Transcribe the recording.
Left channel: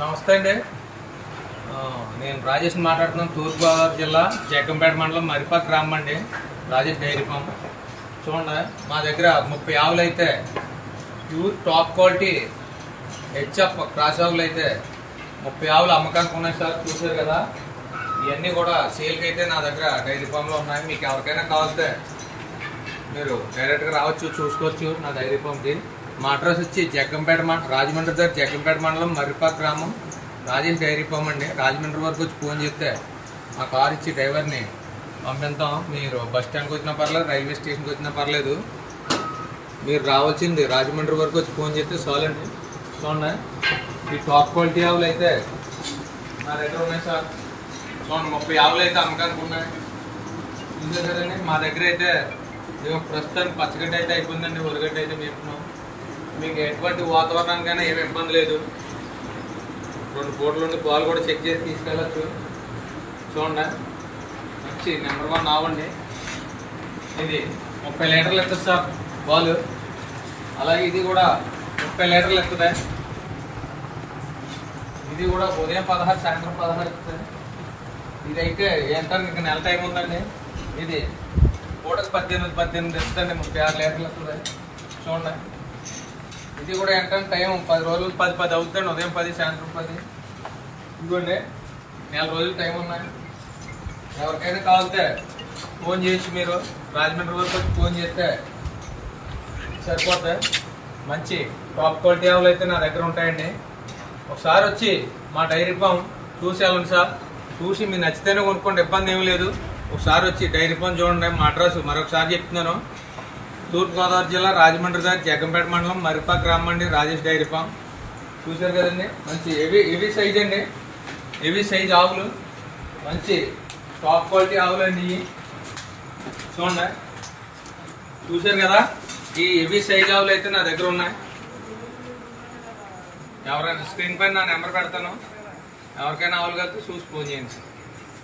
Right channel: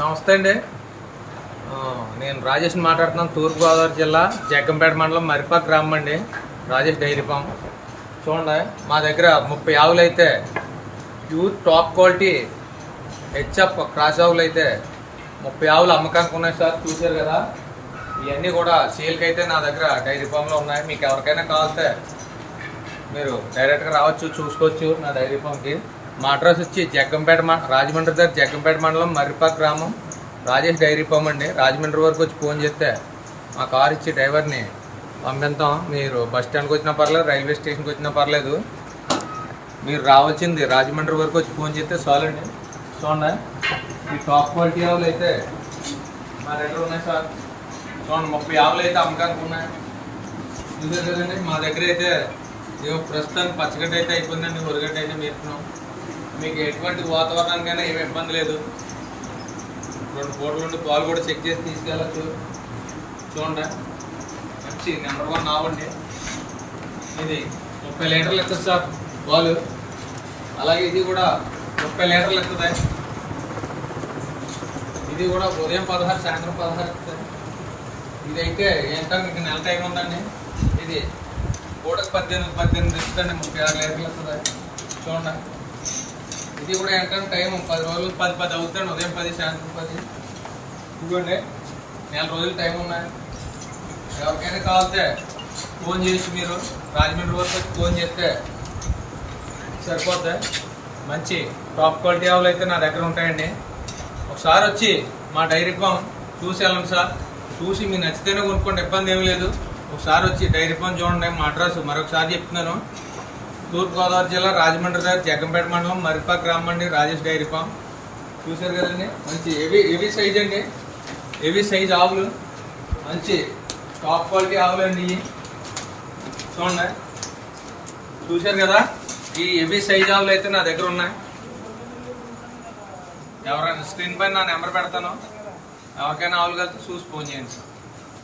నమస్తే అండి. నేను రాజేష్ మాట్లాడుతున్నాను. తూర్పుగోదావరి జిల్లా జగ్గంపేట మండలం మరిపాక గ్రామం అండి. Rajesh dairy farm. చూడండి, మా దగ్గర 30 ఆవులు అయితే pure top quality HF cross ఆవులు అయితే 30 ఆవులు అమ్మకానికి ఉన్నాయి సార్. చూసారు కదా, ఇవన్నీ కూడా సేల్కి అయితే నా దగ్గర డైరీ ఫామ్లో ఉన్నాయి. మీకు ఎవరికైనా కావాలితే మీరు డైరెక్ట్గా రావచ్చు, చూసుకోవచ్చు నా డైరీ ఫామ్కి. మా అడ్రస్ వచ్చి జగ్గంపేట రాజమండ్రి దగ్గర జగ్గంపేట మండలం మరిపాక గ్రామం, రాజేష్ డైరీ ఫామ్ అండి. రాజమండ్రి వరకు వచ్చి ఫోన్ చేస్తే మా కార్ ఇచ్చి డ్రైవర్ని పంపిస్తాం. మీరు బస్ స్టాండ్కి వచ్చినా పర్లేదు, రైల్వే స్టేషన్కి వచ్చినా పర్లేదు, మీరు రావాల్సింది రాజమండ్రి వరకు వచ్చి ఫోన్ చేస్తే చాలండి. చూడండి, ఈ టాప్ క్వాలిటీ ఆవులు అయితే మా దగ్గర ఉన్నాయి సార్. చూడండి, 30 ఆవులు అయితే అమ్మకానికి ఉన్నాయి. ఇంతే కదండి. మా దగ్గర అయితే ప్రస్తుతానికి పచ్చగడ్డ అయితే అయిపోయిందండి, ఉరగడ్డ అయితే మేపుతున్నాం. మీకు ఎటువంటి వాతావరణానికైనా ఏమి ఇబ్బంది లేదు. 2 పూటల నుండి పాలు కూడా చెక్ చేసి తీసుకెళ్ళచ్చు. చూడండి, మంచి నెంబర్ 1 ఆవండి. ఇది 30 లీటర్లు ఎత్తుంది సార్ పాలు. అలాగే ఇది కూడా 30 లీటర్లు ఎత్తుంది. ఇది కూడా ఉదయం 16, సాయంత్రం 16 ఎత్తుంది. ఇదైతే ఎంత మీకు నెల టైం ఉందండి. ఇది పూటకు 18 ఎత్తుందండి, 36 లీటర్లు ఎత్తుంది. చూడండి, ఇది కూడా ఏంటంటే టైం 10 రోజులు 10 అవుతుంది. ఉదయం 10, సాయంత్రం 10. ఇదిగోండి, నెల రోజులు టైం ఉన్నాయి. ఎవరికైనా కావాలితే ఫోన్ చేసి మీరు రాజమండ్రి వరకు వచ్చి ఫోన్ చేస్తే సరిపోతాయి. మంచి టాప్ క్వాలిటీ ఆవులు అయితే నా దగ్గర ఉంటాయండి. ఒకసారి వచ్చి మా డైరీ ఫామ్ చూసి వెళ్ళండి సార్. చూసి మీకు నచ్చితేనే కొనుక్కోండి, ఇబ్బంది ఏమీ లేదు. ఒకసారి వచ్చి డైరీ ఫామ్ చూడండి. మా అడ్రస్ మరొకసారి చెప్తున్నాను. తూర్పుగోదావరి జిల్లా రాజమండ్రి దగ్గర జగ్గంపేట మండలం మరిపాక గ్రామం అండి, రాజేష్ డైరీ ఫామ్. చూసారు కదండి, మంచి హెవీ సైజ్ అండి. హెవీ సైజ్ ఆవులు, మంచి టాప్ క్వాలిటీ ఆవులు అండి. చూడండి, చూసారు కదా, ఈ హెవీ సైజ్ ఆవులు అయితే నా దగ్గర ఉన్నాయి. ఎవరైనా స్క్రీన్ పైన నా నెంబర్ పెడతాను. ఎవరికైనా ఆవులు కలిస్తే చూసి ఫోన్ చేయండి సార్.